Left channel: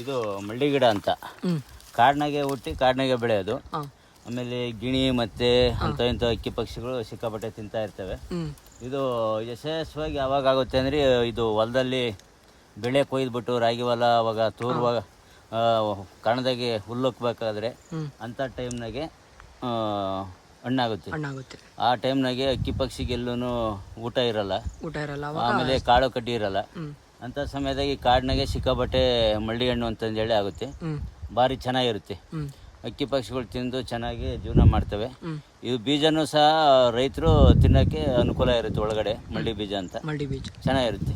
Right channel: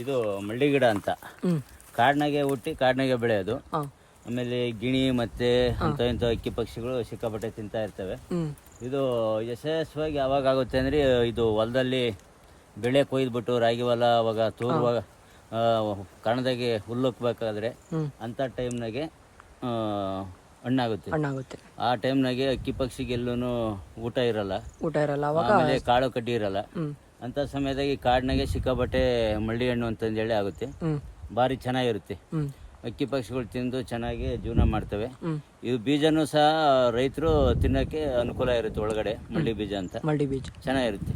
ಇದು ಮಳ್ಳಿ ಗಿಡ ಅಂತ ಕಾಡಿನಾಗೆ ಹುಟ್ಟಿ ಕಾಡಿನಾಗೆ ಬೆಳೆಯೋದು. ಆಮೇಲೆ ಗಿಣಿ ಮತ್ತೆ ಇಂಥ ಅಕ್ಕಿ ಪಕ್ಷಿಗಳು ಸಿಕ್ಕಾಪಟ್ಟೆ ತಿಂತಾ ಇರ್ತವೆ. ಇದು ಯಶಸ್ವಿಯಾಗಿ ಯಾವಾಗ ಆಗುತ್ತೆ ಅಂದರೆ ಇದು ಹೊಲದಲ್ಲಿ ಬೆಳೆ ಕೊಯ್ದುಬಿಟ್ಟು ರಾಗಿ ಹೊಲ ಅವಾಗ ತೂರುವಾಗ ಕಣದಾಗೆ ಹುಲ್ಲೊಕ್ಬೇಕಾದ್ರೆ ಅಂಥ ಟೈಮ್ನಾಗೆ ಹಣ್ಣಾಗುತ್ತೆ. ಆ ಟೈಮ್ನಾಗೆ ಅಕ್ಕಿ ಪಕ್ಷಿಗೆಲ್ಲೂ ಊಟ ಇರಲ್ಲ, ಆಮೇಲೆ ಕಾಳು ಕಡ್ಡಿ ಇರಲ್ಲ. ಅಂತ ಸಮಯದಾಗಿ ಕಾಡಿನಾಗೆ ಸಿಕ್ಕಾಪಟ್ಟೆ ಮಳ್ಳಿ ಹಣ್ಣು ಅಂತಂದೇಳಿ ಆಗುತ್ತೆ. ಭಾರಿ ಚೆನ್ನಾಗಿರುತ್ತೆ. ಅಕ್ಕಿ ಪಕ್ಷಿಗಳು ತಿಂದು ಚೆನ್ನಾಗಿ ಜೀವನ ಮಾಡ್ತವೆ. ಇದು ಬೀಜನೂ ಸಹ ರೈತರು ತಿನ್ನೋಕ್ಕೆ ಅನುಕೂಲ ಇರುತ್ತೆ. ಒಳಗಡೆ ಮಳ್ಳಿ ಬೀಜ ಅಂತ ಚೆನ್ನಾಗಿರುತ್ತೆ.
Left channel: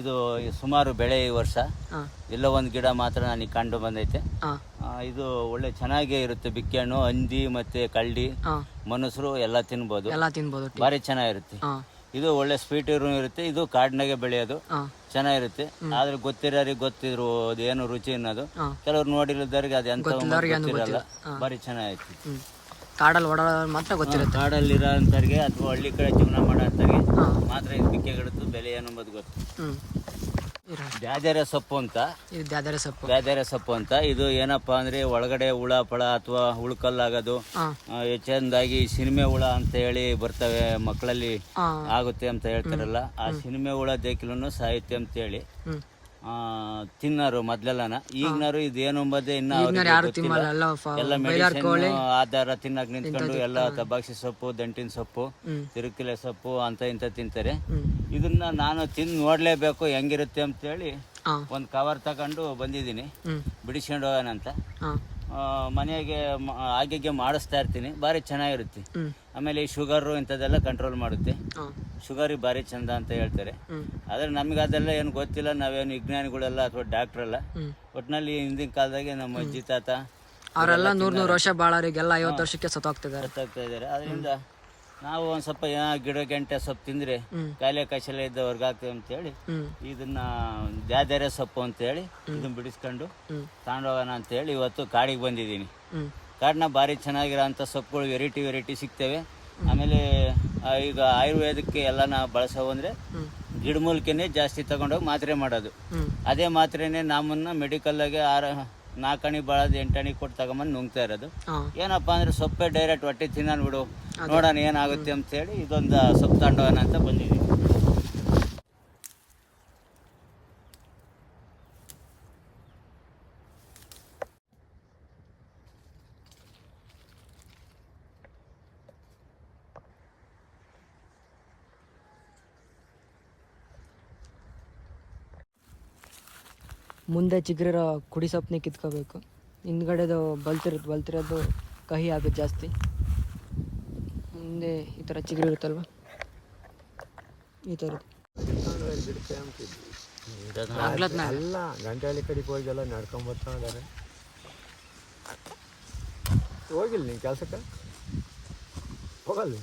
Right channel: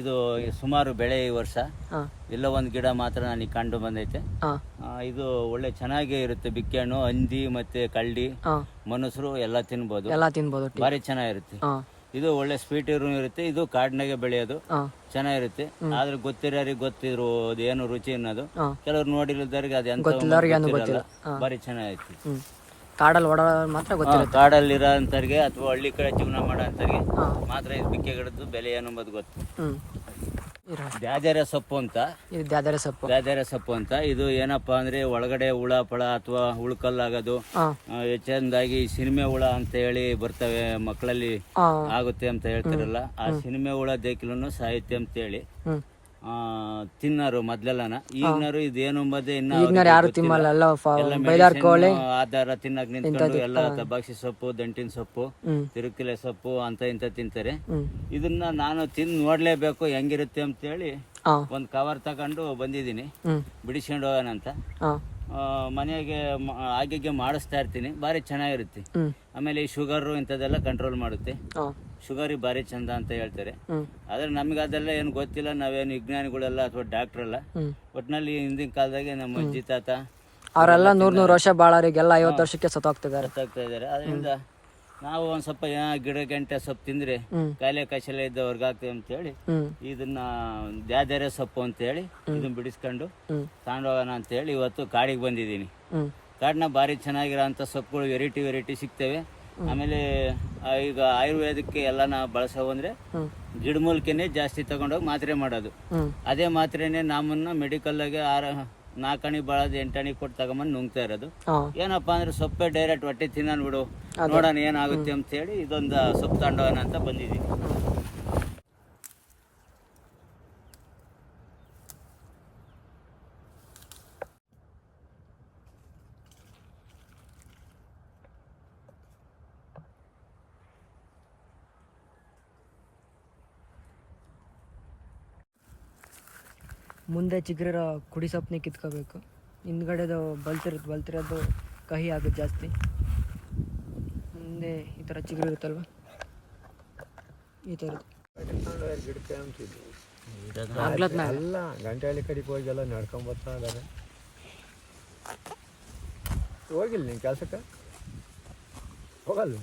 ಇದು ಸುಮಾರು ಬೆಳೆ ಈ ವರ್ಷ ಎಲ್ಲ ಒಂದು ಗಿಡ ಮಾತ್ರ ನನಗೆ ಕಂಡು ಬಂದೈತೆ. ಇದು ಒಳ್ಳೆ ಚೆನ್ನಾಗೇ ಇರುತ್ತೆ. ಬಿಕ್ಕೆ ಹಣ್ಣು, ಹಂದಿ ಮತ್ತೆ ಕಳ್ಳಿ, ಮನುಷ್ಯರು ಎಲ್ಲ ತಿನ್ಬೋದು. ಭಾರಿ ಚೆನ್ನಾಗಿರುತ್ತೆ. ಇದು ಒಳ್ಳೆ ಸ್ವೀಟ್ ಇರುತ್ತೆ. ಇದು ಕಾಡಿನಾಗೆ ಬೆಳೆಯೋದು, ಚೆನ್ನಾಗಿರುತ್ತೆ. ಆದ್ರೆ ಗೊತ್ತಿರೋರಿಗೆ ಗೊತ್ತಿದ್ರು ಏನು ರುಚಿ ಅನ್ನೋದು. ಕೆಲವ್ರು ನೋಡಿರೋದವ್ರಿಗೆ ಅದು ಎಂತ ಭಾರಿ ಚೆನ್ನಾಗಿರುತ್ತೆ. ಕಾಡಲ್ಲಿ ಓಡಾಡೋರು ಮಾತ್ರ ಗೊತ್ತಿರುತ್ತೆ. ಕಾಡಲ್ಲಿ ಇರೋಂಥವ್ರಿಗೆ ಅಥವಾ ಹಳ್ಳಿ ಕಡೆ ಜೀವನ ಮಾಡೋಂಥವ್ರಿಗೆ ಮಾತ್ರ ಇದು ಬಿಕ್ಕೆ ಗಿಡದ್ದು ಬೆಲೆ ಏನಂಬುದು ಗೊತ್ತು. ದ್ಯಾದೆರೆ ಸೊಪ್ಪು ಅಂತ. ದ್ಯಾದೆರೆ ಸೊಪ್ಪು ಅಂತ ಇದು ಏನಪ್ಪಾ ಅಂದ್ರೆ ಒಳಗಡೆ ಹುಳ ಪಳ ಅಥವಾ ಹುಳುಕಲ್ಲಾಗೋದು ಹೆಚ್ಚಂದಾಗಿ ಸಿನಿಮೆ ಹುಳ ಅಂತ ಹೇಳಿ ಬರ್ತವೆ ಮಕ್ಕಳಲ್ಲಿ ಆಗುತ್ತೆ ಅಂತ ಹೇಳ್ತಾರಲ್ಲ, ಆ ಸಿನಿಮೆ ಹುಳ ದೇಕಿಲೂ ಸಾಹಿತ್ಯ ಅಂತ ಹೇಳಿ ತಿನ್ನೋರು ಮೊದ್ಲೆಲ್ಲನ. ಈಗಿನವರು ಇದೇನು ಅಂಬದೇ ಆಧಾರ ತಿನ್ನಕ್ ನಿಂತ್ಕೊಂಡು ಎಲ್ಲ ತಬಾಕ್ಸಿ ಸೊಪ್ಪು, ದಂಟಿನ ಸೊಪ್ಪು, ತಿರುಕಿಲೆ ಸೊಪ್ಪು ಅಂತ ಇಂತ ತಿಂತಾರೆ. ಇದನ್ನ ನಾನು ತಿಂದು ನೋಡ್ಲೇಬೇಕು ಹೆಂಗಿರುತ್ತೆ ಅಂತ ಹೇಳಿ ಒಂದ್ ಕವರ್ ತಗೊಂಡು ಬಂದಿದ್ದೀನಿ, ಬಿಡಿಸ್ಕೊಂಡು ಹೋಗೋಣಂತ. ಮನೆಗೆ ಹಾಗೆ ಮಾಡಿಸ್ತಾ ಇರ್ತೀನಿ. ಭಾರಿ ಚೆನ್ನಾಗಿರುತ್ತೆ. ಆಮೇಲೆ ಈ ಶುಗರ್ ಇಂಥದ್ದೆಲ್ಲ ಕಂಟ್ರೋಲ್ ಮಾಡುತ್ತೆ. ಶುಗರಿಗೆ ಭಾರಿ ಚಂದ ಅಂತ ಹೇಳ್ತಾರೆ. ಆದ್ರೆ ನಮ್ಗೆ ಅದೆಲ್ಲ ಏನು ಗೊತ್ತಿಲ್ಲ. ನಾವೇನು ವಿಜ್ಞಾನಿಗಳೆಲ್ಲ ಅಥವಾ ಡಾಕ್ಟರ್ ಅಲ್ಲ. ಒಟ್ಟಿನಲ್ಲಿ ಹಿಂದಿನ ಕಾಲದಾಗೆ ನಮ್ಮ ಅಜ್ಜಿ ತಾತ ಅವರೆಲ್ಲ 100 ವರ್ಷ ಬಾಳೋರಿಗೆಲ್ಲ 50 ವರ್ಷಕ್ಕೆ ಸತ್ತೋಗ್ತಾ ಇದಾರೆ. ಅದರಿಂದ ನಾವು ಒಂದ್ ಸ್ವಲ್ಪ ಗಿಡ ಗಂಟೆ ಸೊಪ್ಪು ತಿಂದ್ರೆ ಕಾಯಿಲೆ ಕಷಲೆ ಇದ್ದವ್ರಿಗೆ ಆಗ್ತದೆ ಅಂತ ಹೇಳಿ ಇದನ್ನ ದ್ಯಾದೆರೆ ಸೊಪ್ಪು ಅಂತ ಹೇಳಿ ಇದನ್ನ ಬಿಡಿಸ್ಕೊಂಡು ತಗೊಂಡೋಗೋಣ ಅಂತ ಹೇಳಿ ಇವತ್ತು ಕಾಡಿಗೆ ಬಂದಿದ್ದೀನಿ. ಕಾಡಿನ ಭಾರಿ ಚೆನ್ನಾಗಿರೋಂಥ ಸೊಪ್ಪುಗಳು ವೆರೈಟಿ ಸಿಗ್ತವೆ. ಆಮೇಲೆ ಈಗ ಆಯುರ್ವೇದಕ್ಕೆ ಎಲ್ಲ ಬಳಸೋ ಅಂದ್ರೆ ಗಿಡಮೂಲಿಕೆನೆ ಜಾಸ್ತಿ ತಗೊಂಡೋಗಿ ಮಾತ್ರೆ ಮಾಡೋದು. ಅದೇ ಮಾತ್ರೆನೆ ನಮ್ಮನ್ನ ಮೆಡಿಕಲ್ಗೆ 4 ಅಣಿ ಬಳದು 8 ಅಣಿ ಕೊಟ್ಟು ತಗೊಂಬಂದು ನುಂಗ್ತಾ ಇರೋದು. ಏನಪ್ಪಾ ಅಂದ್ರೆ ಸೊಪ್ಪೆ ಡೈರೆಕ್ಟ್ ಹೊಟ್ಟೆ ತಿನ್ನೋಣ ಬಿಡು, ನೋಡೋಣ ಏನಾಗುತ್ತೆ ಅಂತ ಹೇಳಿ ಇದೊಂದು ಸೊಪ್ಪು ತಗೊಂಡೋಗೋಣ ಅಂತ ಬಂದಿದ್ದೀನಿ. ಮುಂದೆ ಚಿಗುರಿರೋ ಕುಡಿ ಸೊಪ್ಪನ್ನ ಕಿತ್ಕೋಬೇಕು. ಹಿಂದ್ಗಡೆದು ಬಲ್ತಿರೋದು ಕಹಿ ಆಗುತ್ತೆ ಜಾಸ್ತಿ. ಮುಂದೆ ಈ ಥರ ಚಿಗುರು ಇರುತ್ತಲ್ವ, ಈ ಥರ ಎಲ್ಲ ಗಂಟೆಯಲ್ಲಿ ಕಡಿಗೆ ಹೋಗಿ ಎಲ್ಲ ನಡ್ಕೊಂಬರ್ತಾ ಇದ್ದಾರೆ. ಹೋಗಿಲ್ಲ ನೀನು ಕೆಲಸಕ್ಕೆ? ಹೋಗಲ್ಲ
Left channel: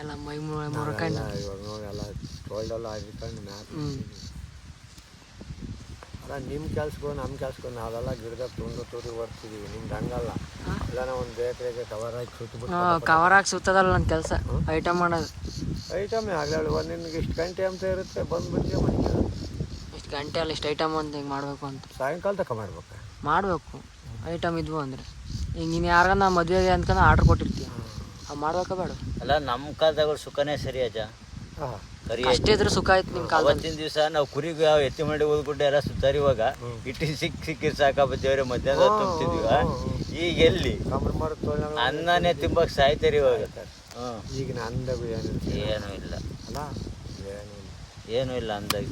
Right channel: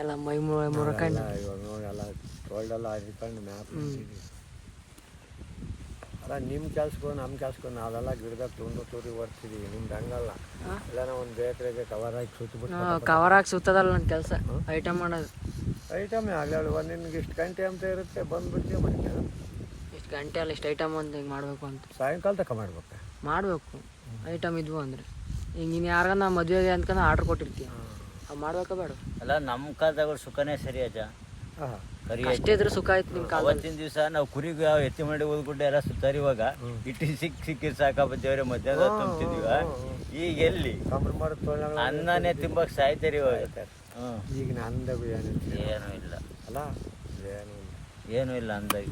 ಎಲ್ಲ ಮೈ ಮುರಕೊಂಡು ಇವಾಗ ನೋಡಿ ಎಲ್ಲ ಟೋಲ್ಡೆಲ್ಲ ಹಾಕಿಕೊಂಡು ಮ್ಯಾಪ್ ಅಲ್ಲ. ನಿಮ್ಮ ಕೆಲ್ಸಕ್ಕೂ ನಮ್ಮ ಕೆಲ್ಸಕ್ಕೂ ನಾವೆಲ್ಲ ಗಿಡದಾಗ ತೂರಿ ಬರ್ತೀವಿ. ನಿಮ್ದು ಹಂಗಲ್ಲ. ಎಲ್ಲ ಒಂದು ಬೇಕ್ರಿಗೆ ಕವರ್ ಹಾಕಿ ಸುತ್ತಬಿಟ್ಟು ಕವರ್ ಹಾಕಿ ಸುತ್ತದಲ್ಲ ನನ್ನ ಕೆಲಸ. ಐಟಮ್ ಮಾಡೋದು ಐಟಮೇ ಆಗಲ್ಲ. ನಿನ್ಗೆ ಇಷ್ಟು ಗಂಟೆ ಅಂತ ಇರುತ್ತೆ, ಬಂದ್ಬಿಟ್ಟು ಮಾಡ್ತಾರೆ. ಇಷ್ಟು ಗಂಟೆ ಅಲ್ಲ, ಇಷ್ಟು ಐಟಮ್ ಅಂತ ಹಿಂಗೆ ಮಾಡಬೇಕು ಅಂತ ಸಾಯಂಕಾಲ ತಕ ಮಾಡಬೇಕು ಐಟಮ್ ಇದ್ವು ಅಂದರೆ. ಈಗ ನೀನು ಯಾರನ್ನ ಮದುವೆಗೆ ಅಂದ್ಕೊಂಡು ಆರ್ಡ್ರ್ ಕೊಟ್ಟಿರ್ತೀಯ, ಅವು ಮಾಡ್ಬೇಕಾ ಬೇಡ? ಅಲ್ಲ ನಮ್ಮ ಕಾಲದಾಗ ಸುಖನೇ ಸರಿ ಅಜ್ಜ. ಅಷ್ಟೇ ಇದ್ರೆ ಸುಖ ಆಯ್ತು ನಿಮ್ಮ ಕಾಲದಲ್ಲಿ. ಅವತ್ತಿನ ದಿವಸ ನಾವು ಕುರಿಗೂ ಯಾವ ಎತ್ತಿ ಮಾಡಿ ಹೋಗ್ಬಿಟ್ಟು ಎಲ್ಲ ಸುತ್ತಾರಿವಾಗ ಇಟ್ಟು ಸಿಕ್ಕಿ ಸಾಕಾಬದ್ದೇವ್ರೆ ಮಧ್ಯಾಹ್ನ ತುಂಬ್ತಿದ್ವಿ. ಈಗ ಎಲ್ಲಿ ಅನ್ನನೇ ತಿಂಬಕ್ ಸಾಯ್ತಾರಿ ಇವಾಗ. ಈಗಿನ ಅಂದಾಗ ಏನೂ ಇಲ್ಲ ಅಲ್ಲ, ಏನೂ ಇಲ್ಲ ಅಂದಾಗ.